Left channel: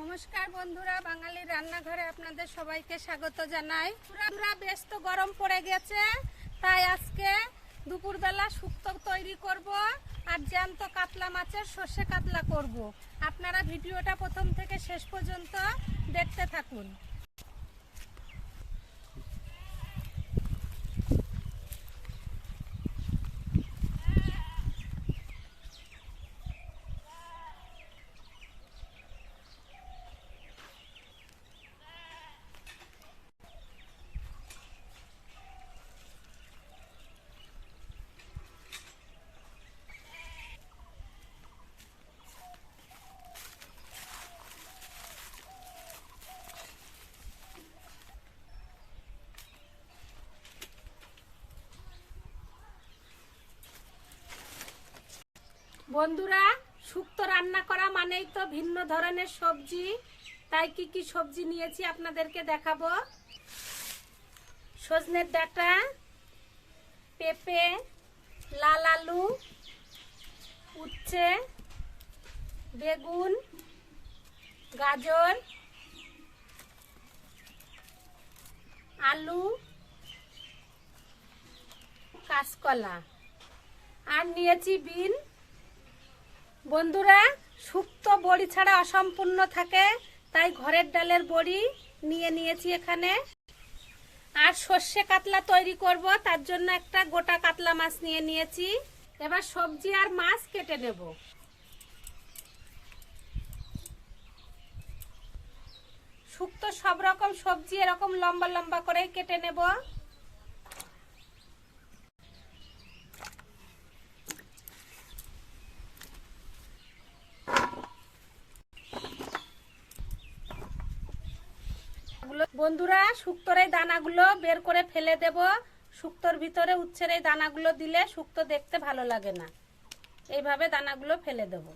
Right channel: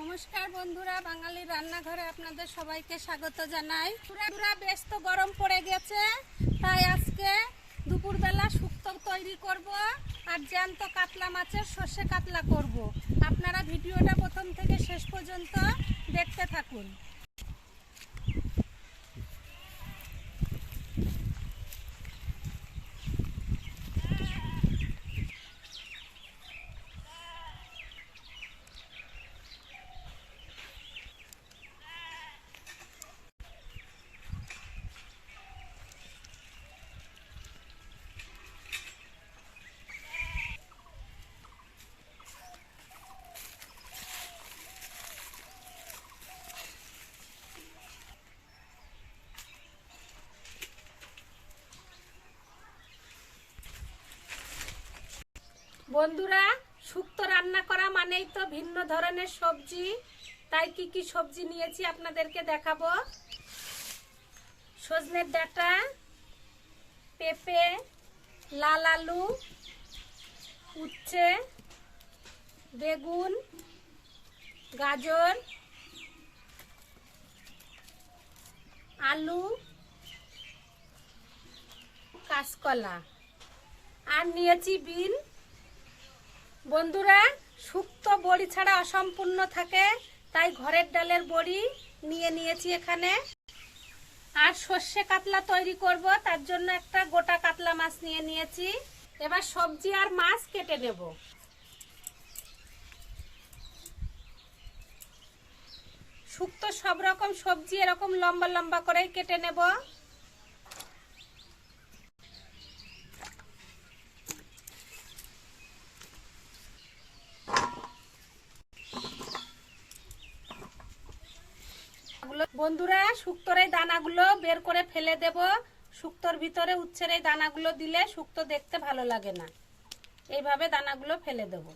নমস্কার বন্ধুরা, বাঙালি রান্নাঘরে আপনাদের সবাইকে স্বাগত জানাই। পুরা বেশ তো গরম পড়ে গেছে, তাই আজকে দুপুরবেলা শুক্তো তৈরি করব আর জ্যান্ত কাতলা মাছের সর্ষে কাতলা করব। আপনারা ভিডিওটা প্রথম থেকে শেষ পর্যন্ত দেখতে থাকুন। বন্ধুরা, শুক্তো রান্না করা মানেই তো ভিন্ন ধরনের সবজি, তাই কি কি সবজি নিয়েছি আপনাদেরকে দেখাবো। সজনের ডাঁটা, পেঁপে, লাল আলু, উচ্ছে, বেগুন, গাজর, আলু, কাঁচকলা আর নিয়েছি বিন। বন্ধুরা, শুক্তো বড়ি ছাড়া অসম্পূর্ণ থাকে, তাই ঘরের ডালের বড়ি নিয়ে নিয়েছি এখানে। আর সর্ষে কাতলা তৈরি করব, তার জন্য একটা গোটা কাতলা মাছ নিয়ে নিয়েছি। এবার সবজি আর মাছ কেটে নেব। শুক্তো সব রকম সবজি এরকম লম্বা লম্বা করে কেটে নেব। বন্ধুরা, শুক্তোর এই দানাগুলো বের করে ফেলে দেব। শুক্তোর ভিতরে উচ্ছের এই দানাগুলো দিলে শুক্তো দেখতে ভালো লাগে না, এইভাবে দানাগুলো ফেলে দেব।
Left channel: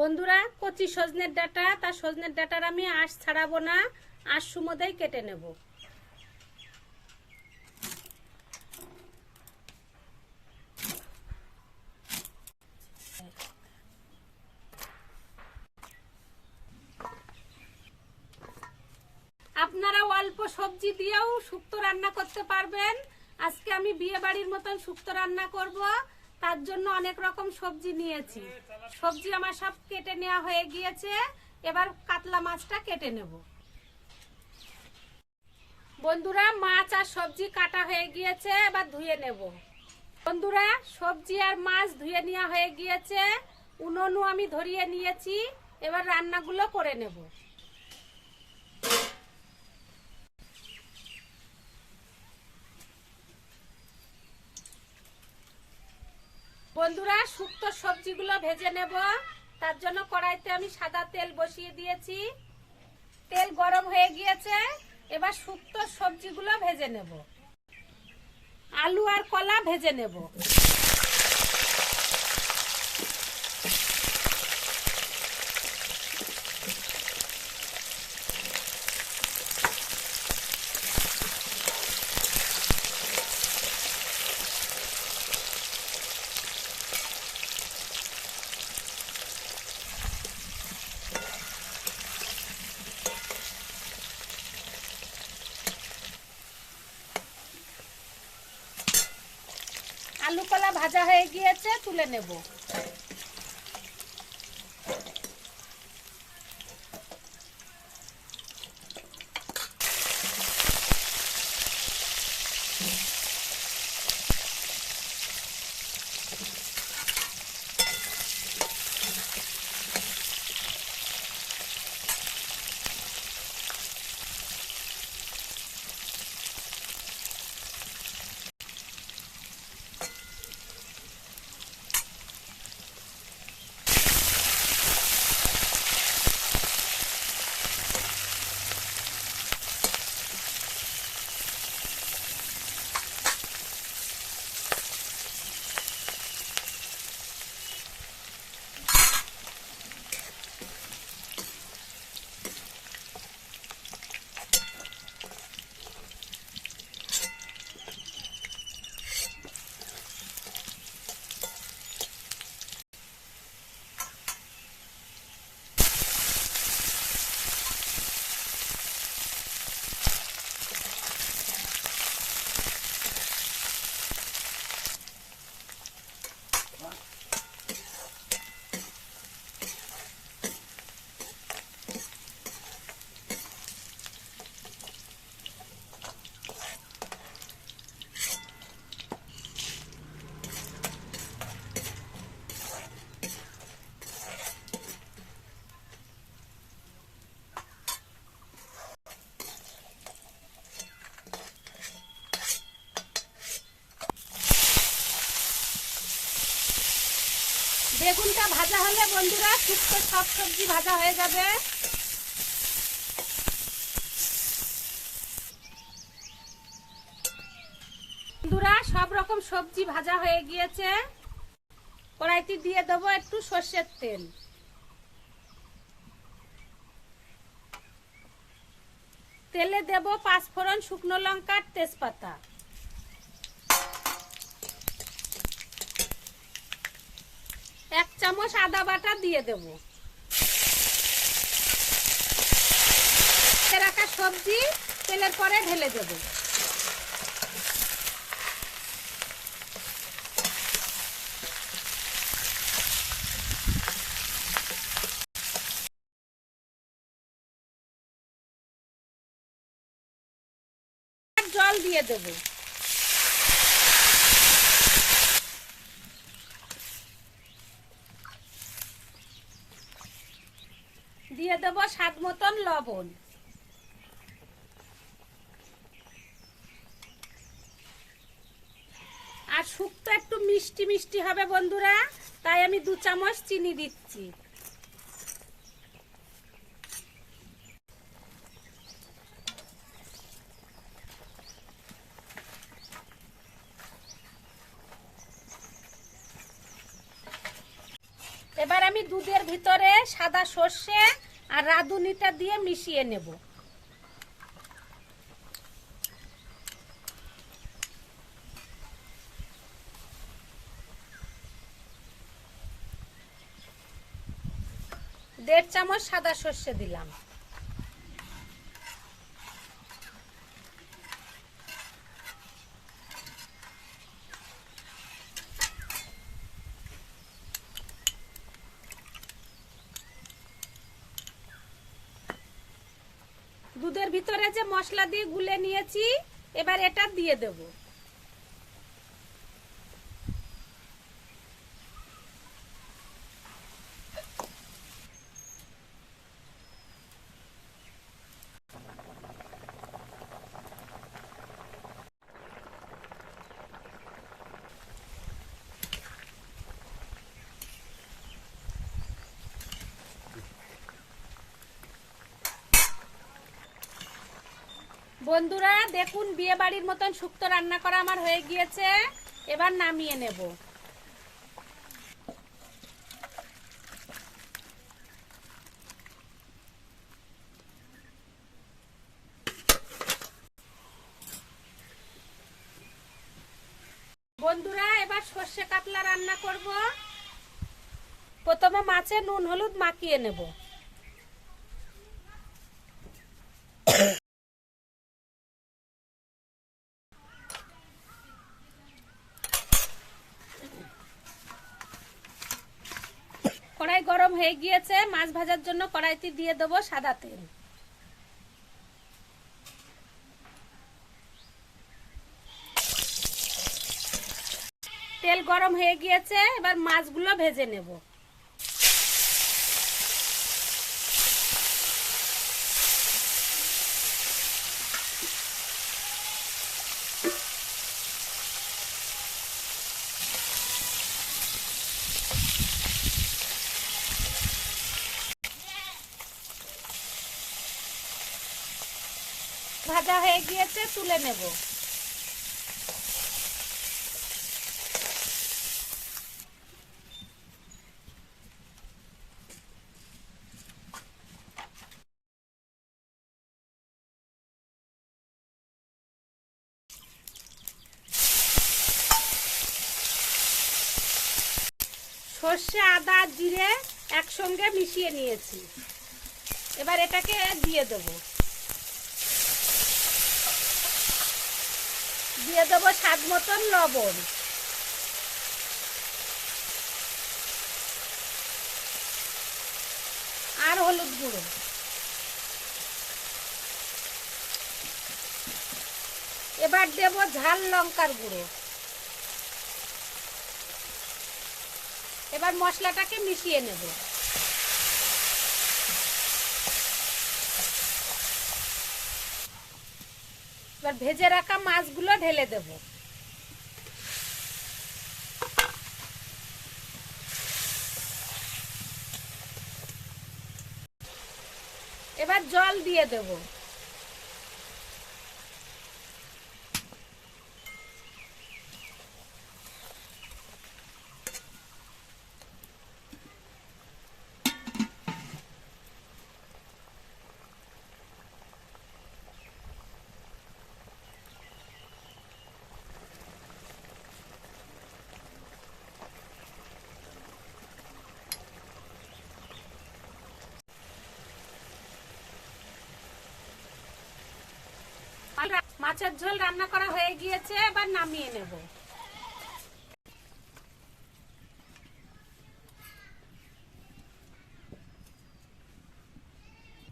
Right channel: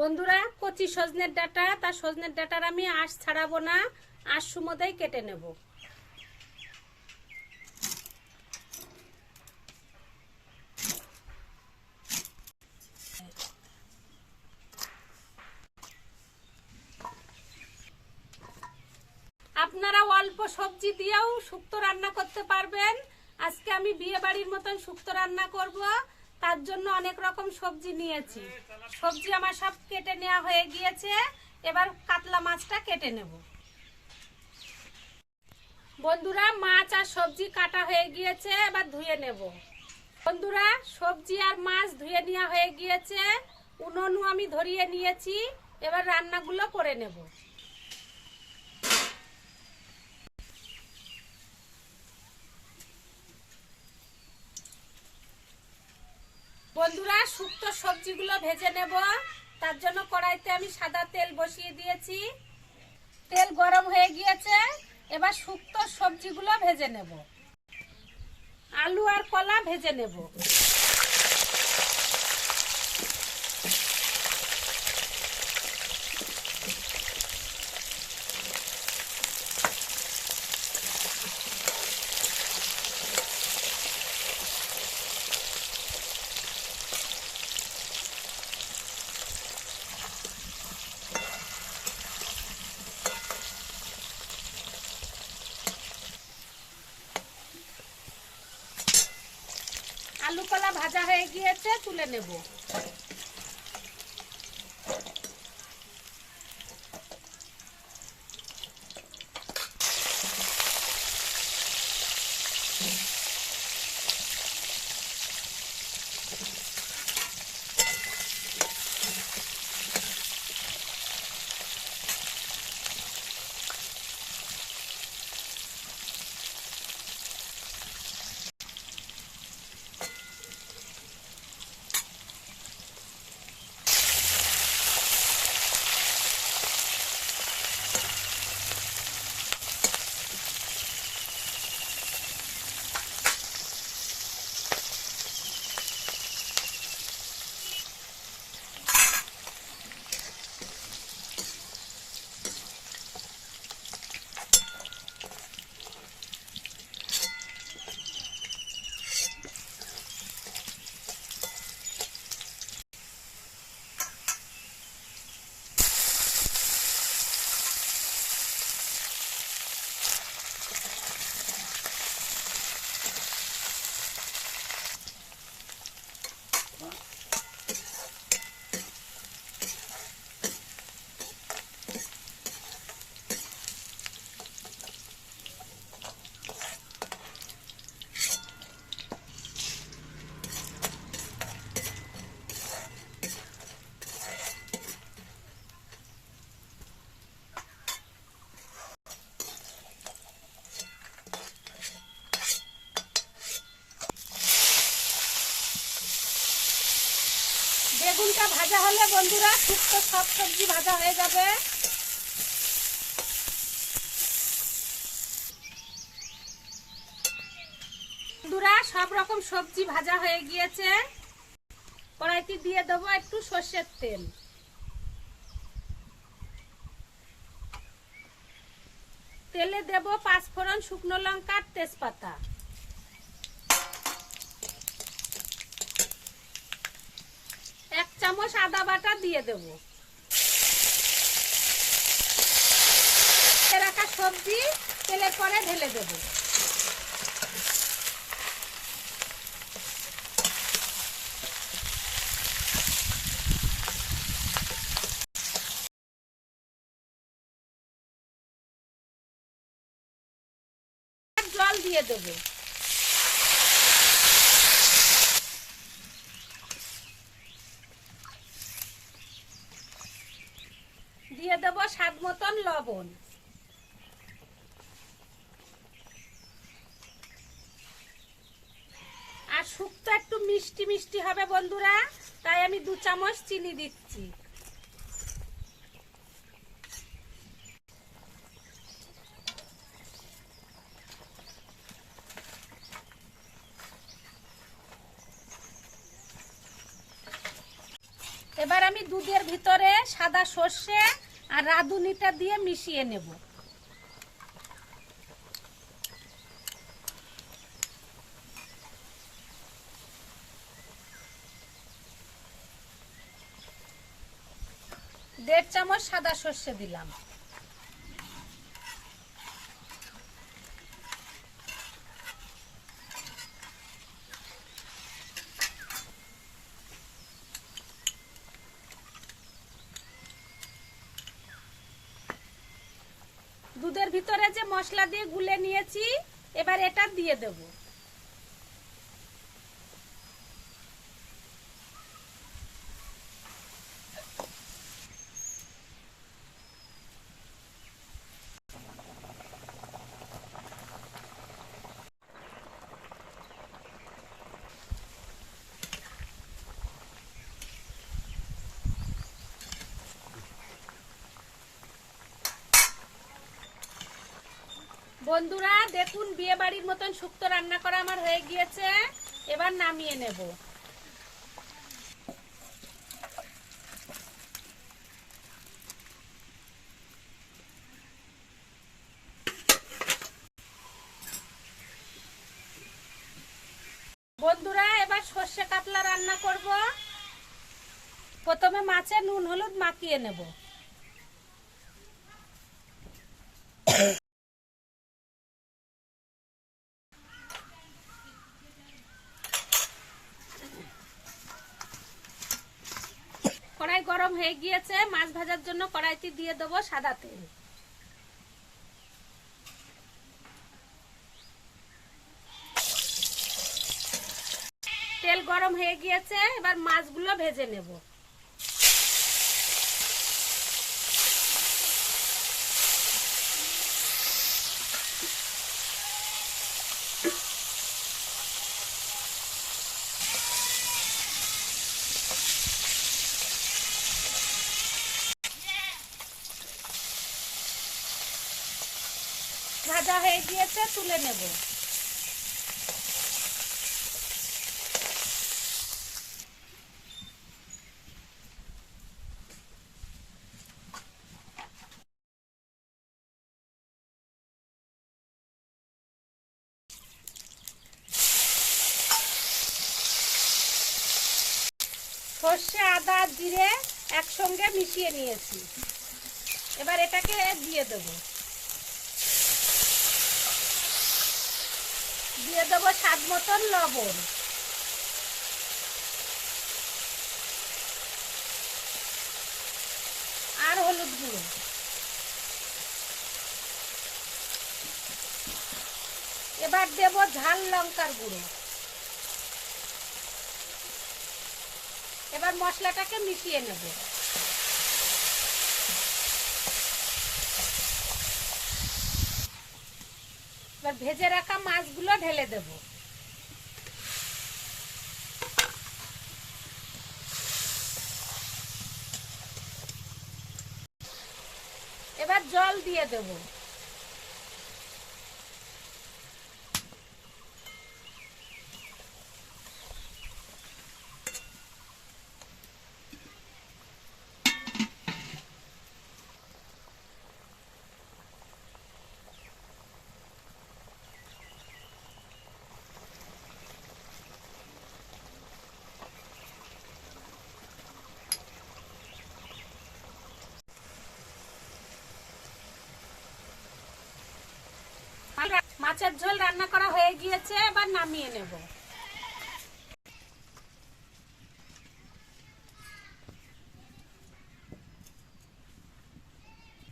বন্ধুরা, কচি সজনের ডাঁটা, তার সজনের ডাঁটার আমি আঁশ ছাড়াবো না, আঁশ সুমোদেই কেটে নেব। আপনারা অল্প সবজি দিয়েও শুক্তো রান্না করতে পারবেন। আজকে আমি বিয়ে বাড়ির মতন শুক্তো রান্না করব, তার জন্য অনেক রকম সবজি নিয়েছি। সবজি আমার সব কেটে নেওয়া হয়ে গিয়েছে, এবার কাতলা মাছটা কেটে নেব। বন্ধুরা, মাছ আর সবজি কাটা হয়ে গিয়েছে, এবার ধুয়ে নেব। বন্ধুরা, সবজি আর মাছ ধুয়ে নেওয়া হয়ে গিয়েছে, উনুনও আমি ধরিয়ে নিয়েছি। এবার রান্নাগুলো করে নেব। বন্ধুরা, শুক্তো সবজিগুলো ভেজে নেব, তার জন্য কড়াইতে আমি সাদা তেল বসিয়ে দিয়েছি। তেল গরম হয়ে গিয়েছে, এবার শুক্তো সবজিগুলো ভেজে নেব। আলু আর কলা ভেজে নেব। আলু কলা ভাজা হয়ে গিয়েছে, তুলে নেব। বেগুনটা ভাজা হলে বন্ধুরা শুক্তো সব সবজি ভাজা হয়ে যাবে। বন্ধুরা সব রকম সবজি ভাজা হয়ে গিয়েছে। কড়াইতে দিয়ে দেবো একটু সর্ষের তেল। তেলে দেব 5 ফোড়ন, শুকনো লঙ্কা, তেজপাতা। এক চামচ আদা বাটা দিয়ে দেব। রাখা সবজি তেলের পরে ঢেলে দেব। জল দিয়ে দেব। দিয়ে দেব স্বাদ মতন লবণ। আর শুক্তো একটু মিষ্টি মিষ্টি হবে বন্ধুরা, তাই আমি 2 চামচ চিনি দিচ্ছি। এবার আমি দুধের ভিতরে সাদা সর্ষে আর রাঁধুনিটা দিয়ে মিশিয়ে নেব। দেড় চামচ সাদা সর্ষে দিলাম। দুধের ভিতরে যে মশলা দিয়ে গুলে নিয়েছি, এবার এটা দিয়ে দেব। বন্ধুরা দেখুন, বিয়ে বাড়ির মতন শুক্তো রান্না করা আমার হয়ে গিয়েছে। এবার নামিয়ে নেব। বন্ধুরা এবার সর্ষে কাতলা রান্না করব। প্রথমে মাছে নুন হলুদ মাখিয়ে নেব। কড়াই গরম হয়ে গিয়েছে, মাছ ভাজার জন্য কড়াইতে দিয়ে দেব সাদা তেল। তেল গরম হয়ে গিয়েছে, এবার মাছগুলো ভেজে নেব। ভাজা হয়ে গিয়েছে, তুলে নেব। সর্ষে আদা জিরে একসঙ্গে মিশিয়ে নিয়েছি। এবার এটাকে দিয়ে দেব। দিয়ে দেবো স্বাদ মতন লবণ। আর হলুদ গুঁড়ো। এবার দেব ঝাল লঙ্কার গুঁড়ো। এবার মশলাটাকে মিশিয়ে নেব। এবার ভেজে রাখা মাছগুলো ঢেলে দেব। মাছের জল দিয়ে দেব। মাছের ঝোল রান্না করা হয়ে গিয়েছে, এবার নামিয়ে নেব।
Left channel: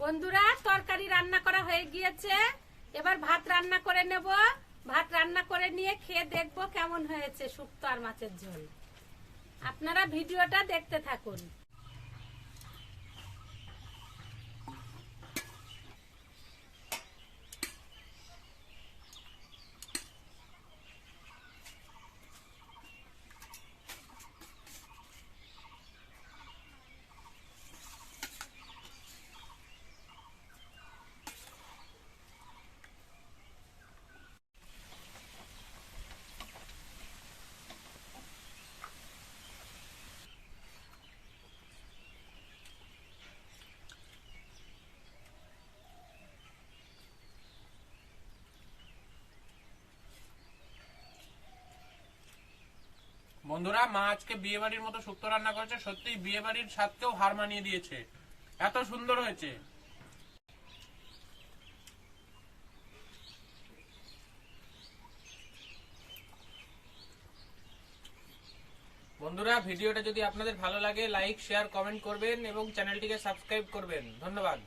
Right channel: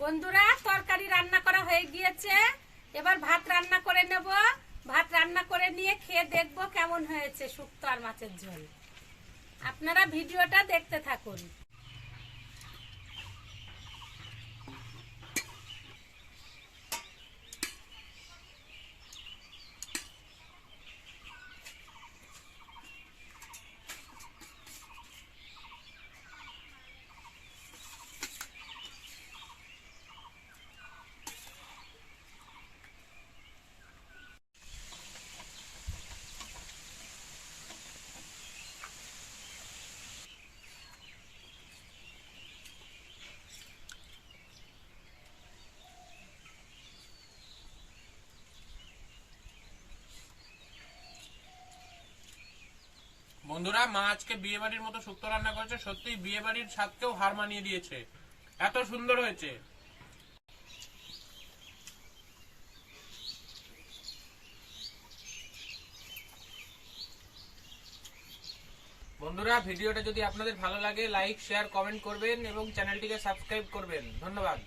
বন্ধুরা, তরকারি রান্না করা হয়ে গিয়েছে, এবার ভাত রান্না করে নেব। ভাত রান্না করে নিয়ে খেয়ে দেখব কেমন হয়েছে শুক্তো আর মাছের ঝোল। আপনারা ভিডিওটা দেখতে থাকুন। বন্ধুরা, মা আজকে বিয়ে বাড়ির মতো শুক্তো রান্না করেছে। সত্যি বিয়ে বাড়ির স্বাদকেও হার মানিয়ে দিয়েছে, এত সুন্দর হয়েছে। বন্ধুরা, ভিডিওটা যদি আপনাদের ভালো লাগে লাইক শেয়ার কমেন্ট করবেন এবং চ্যানেলটিকে সাবস্ক্রাইব করবেন। ধন্যবাদ।